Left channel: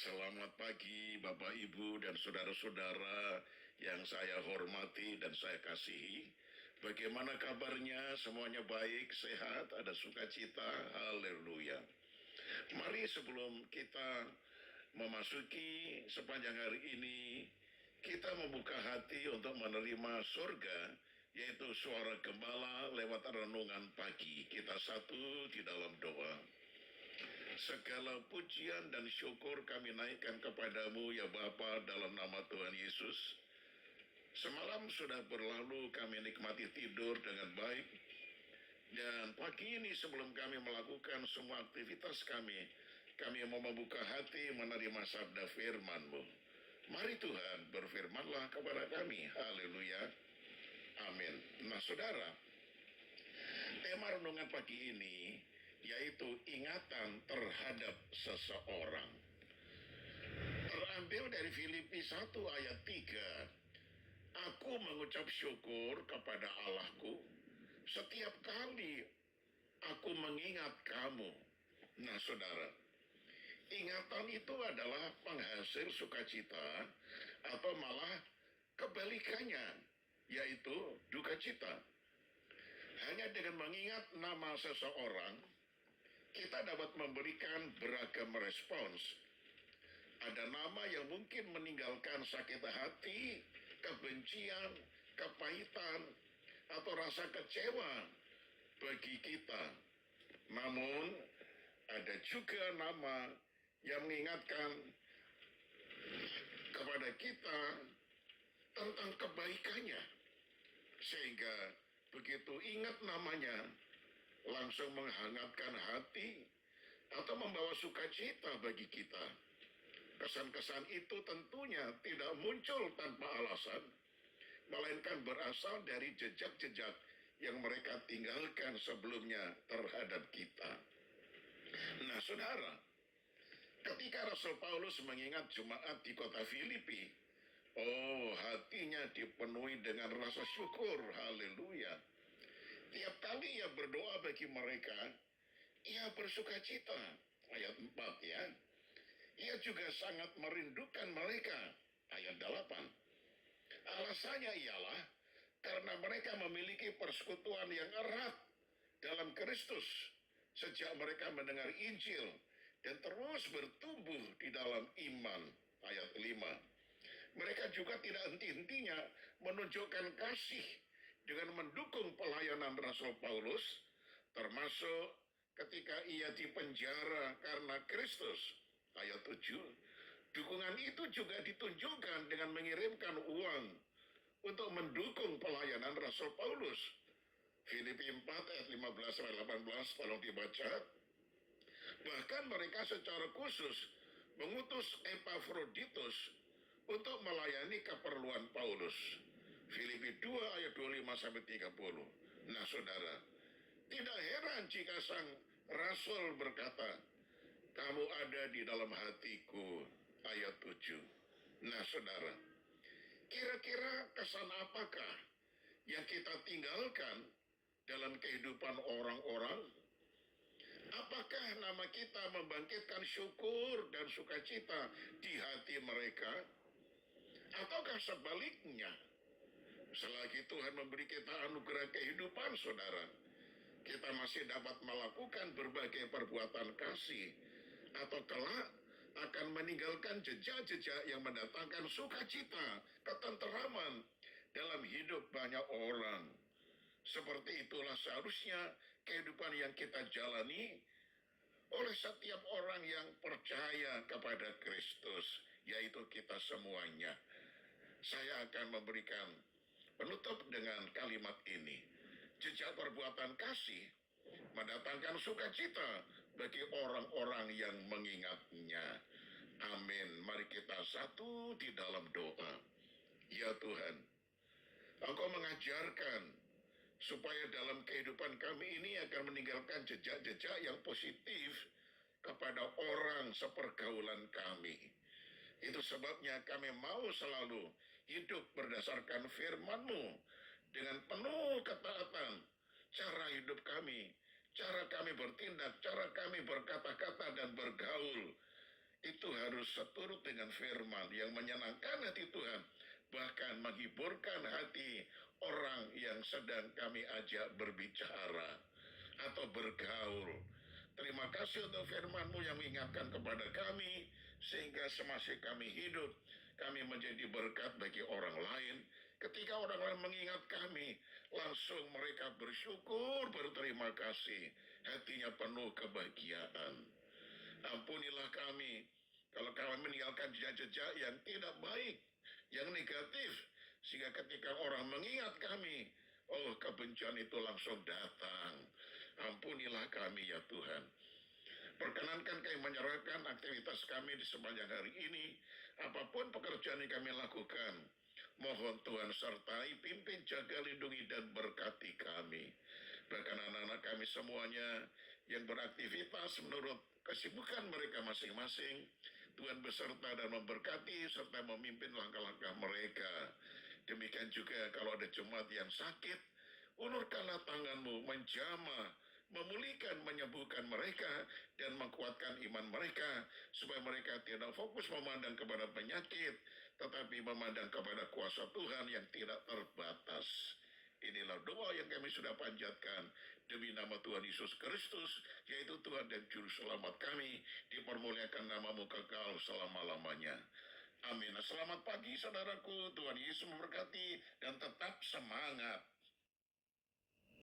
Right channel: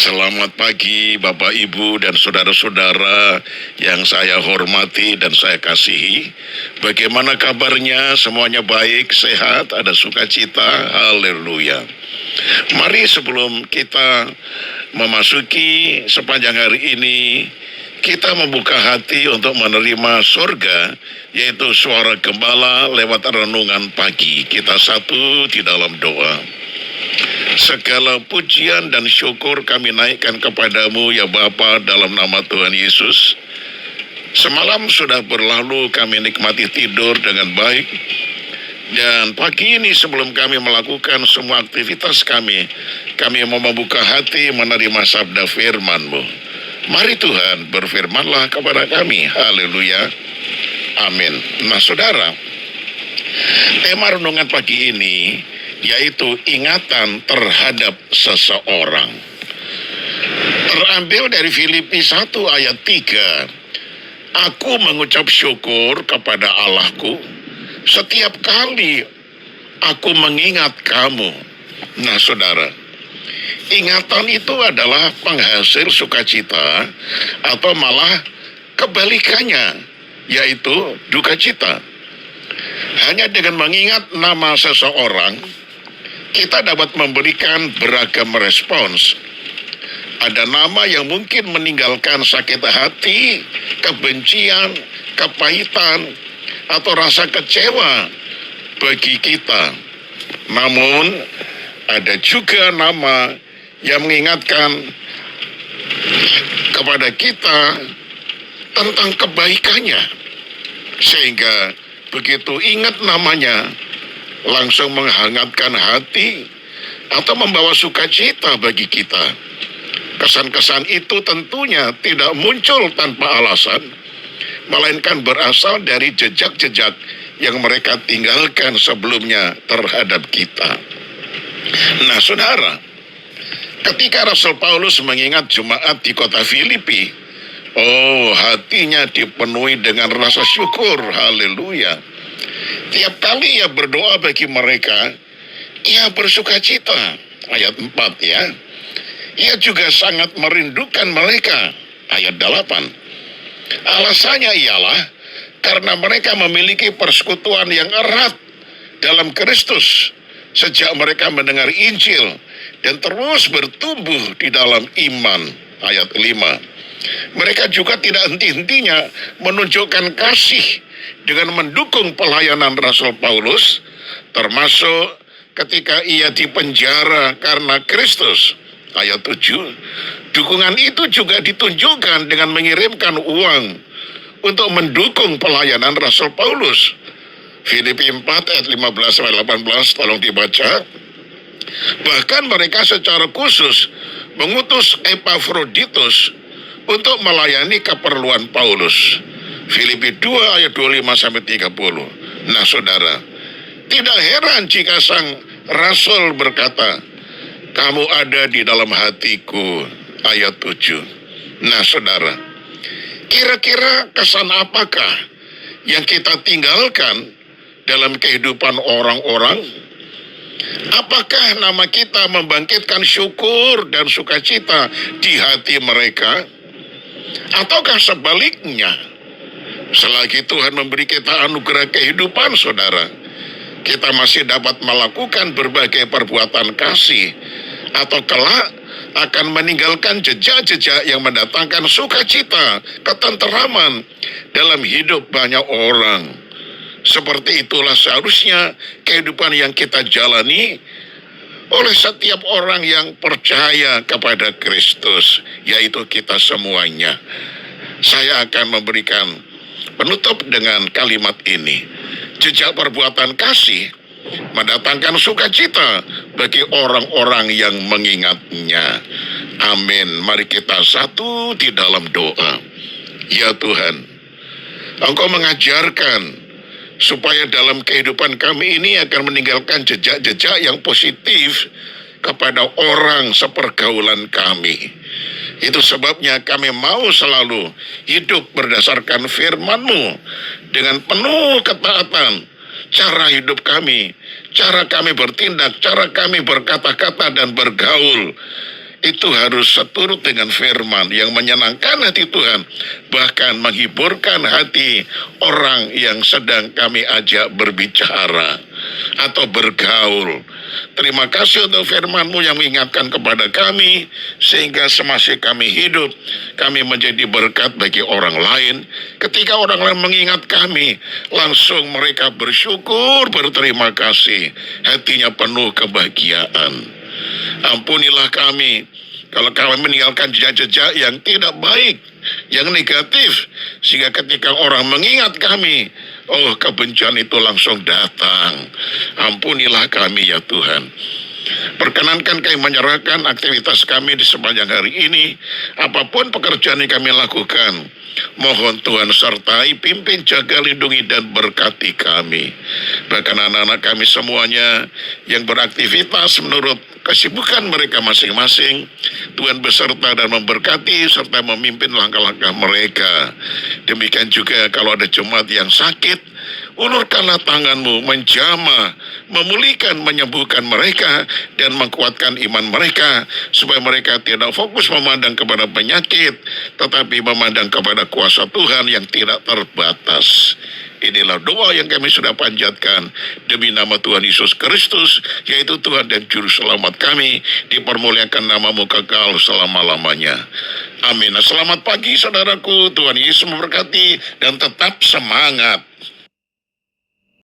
Selamat pagi Bapak Ibu dan saudara-saudara yang saya hormati dan saya kasihi. Bagaimana kabarnya? Semuanya baik, sehat, ada sukacita, haleluya. Mari sebelum kita memasuki sepanjang hari ini, kita membuka hati untuk menerima surga, yaitu suara gembala lewat renungan pagi. Kita satu di dalam doa. Segala pujian dan syukur kami naikkan kepadamu ya Bapa dalam nama Tuhan Yesus. Semalam sudah berlalu, kami nikmati tidur dengan baik. Dan pagi ini sebelum kami melakukan semua aktivitas kami mau membuka hati menerima sabda firman-Mu. Mari Tuhan berfirmanlah kepada kami. Haleluya. Amin. Nah saudara, tema renungan pagi ini yaitu ingatan terhadap seseorang. Terambil dari Filipi 1 ayat 3. Aku mengucap syukur kepada Allahku setiap kali aku mengingat kamu. Nah saudara, ingatan itu adalah penghasil sukacita atau malah kebalikannya, yaitu duka cita. Hanya dengan mengingat nama seseorang, kita dapat memberikan beragam respons. Ada nama yang mungkin meninggalkan sakit hati, kebencian, kepahitan, atau rasa kecewa bagi kita. Namun, ada juga nama yang mengingatkan kepada kita tentang kebaikannya. Sehingga begitu ingat namanya, langsung menghangatkan hati atau membawa sukacita bagi kita. Kesan-kesan itu tentunya tidak muncul tanpa alasan, melainkan berasal dari jejak-jejak yang mereka tinggalkan sebelumnya terhadap kita. Nah saudara, ketika Rasul Paulus mengingat jemaat di kota Filipi, hatinya dipenuhi dengan rasa syukur, haleluya. Tiap kali ia berdoa bagi mereka, ia bersukacita. Ayat 4 ya. Ia juga sangat merindukan mereka. Ayat 8. Alasannya ialah karena mereka memiliki persekutuan yang erat dalam Kristus sejak mereka mendengar Injil dan terus bertumbuh di dalam iman. Ayat 5. Mereka juga tidak henti-hentinya menunjukkan kasih dengan mendukung pelayanan Rasul Paulus, termasuk ketika ia dipenjara karena Kristus. Ayat 7. Dukungan itu juga ditunjukkan dengan mengirimkan uang untuk mendukung pelayanan Rasul Paulus. Filipi 4 ayat 15-18 tolong dibaca. Bahkan mereka secara khusus mengutus Epafroditus untuk melayani keperluan Paulus. Filipi 2 ayat 25-30. Nah saudara, tidak heran jika sang Rasul berkata, kamu ada di dalam hatiku. Ayat 7. Nah saudara, kira-kira kesan apakah yang kita tinggalkan dalam kehidupan orang-orang? Apakah nama kita membangkitkan syukur dan sukacita di hati mereka? Ataukah sebaliknya? Selagi Tuhan memberi kita anugerah kehidupan, saudara, kita masih dapat melakukan berbagai perbuatan kasih, atau kelak akan meninggalkan jejak-jejak yang mendatangkan sukacita, ketenteraman dalam hidup banyak orang. Seperti itulah seharusnya kehidupan yang kita jalani oleh setiap orang yang percaya kepada Kristus, yaitu kita semuanya. Saya akan memberikan penutup dengan kalimat ini. Jejak perbuatan kasih mendatangkan sukacita bagi orang-orang yang mengingatnya. Amin. Mari kita satu di dalam doa. Ya Tuhan, Engkau mengajarkan supaya dalam kehidupan kami ini akan meninggalkan jejak-jejak yang positif kepada orang sepergaulan kami. Itu sebabnya kami mau selalu hidup berdasarkan firman-Mu dengan penuh ketaatan. Cara hidup kami, cara kami bertindak, cara kami berkata-kata dan bergaul, itu harus seturut dengan firman yang menyenangkan hati Tuhan, bahkan menghiburkan hati orang yang sedang kami ajak berbicara atau bergaul. Terima kasih untuk firman-Mu yang mengingatkan kepada kami, sehingga semasih kami hidup, kami menjadi berkat bagi orang lain. Ketika orang lain mengingat kami, langsung mereka bersyukur, berterima kasih, hatinya penuh kebahagiaan. Ampunilah kami kalau kami meninggalkan jejak-jejak yang tidak baik, yang negatif, sehingga ketika orang mengingat kami, oh, kebencian itu langsung datang. Ampunilah kami ya Tuhan. Perkenankan kami menyerahkan aktivitas kami di sepanjang hari ini, apapun pekerjaan yang kami lakukan. Mohon Tuhan sertai, pimpin, jaga, lindungi, dan berkati kami. Bahkan anak-anak kami semuanya yang beraktivitas menurut kesibukan mereka masing-masing, Tuhan beserta dan memberkati serta memimpin langkah-langkah mereka. Demikian juga kalau ada jemaat yang sakit, ulurkanlah tangan-Mu menjamah, memulihkan, menyembuhkan mereka, dan menguatkan iman mereka, supaya mereka tidak fokus memandang kepada penyakit, tetapi memandang kepada kuasa Tuhan yang tidak terbatas. Inilah doa yang kami sudah panjatkan demi nama Tuhan Yesus Kristus, yaitu Tuhan dan Juru Selamat kami. Dipermuliakan nama-Mu kekal selama-lamanya. Amin. Selamat pagi saudaraku, Tuhan Yesus memberkati dan tetap semangat.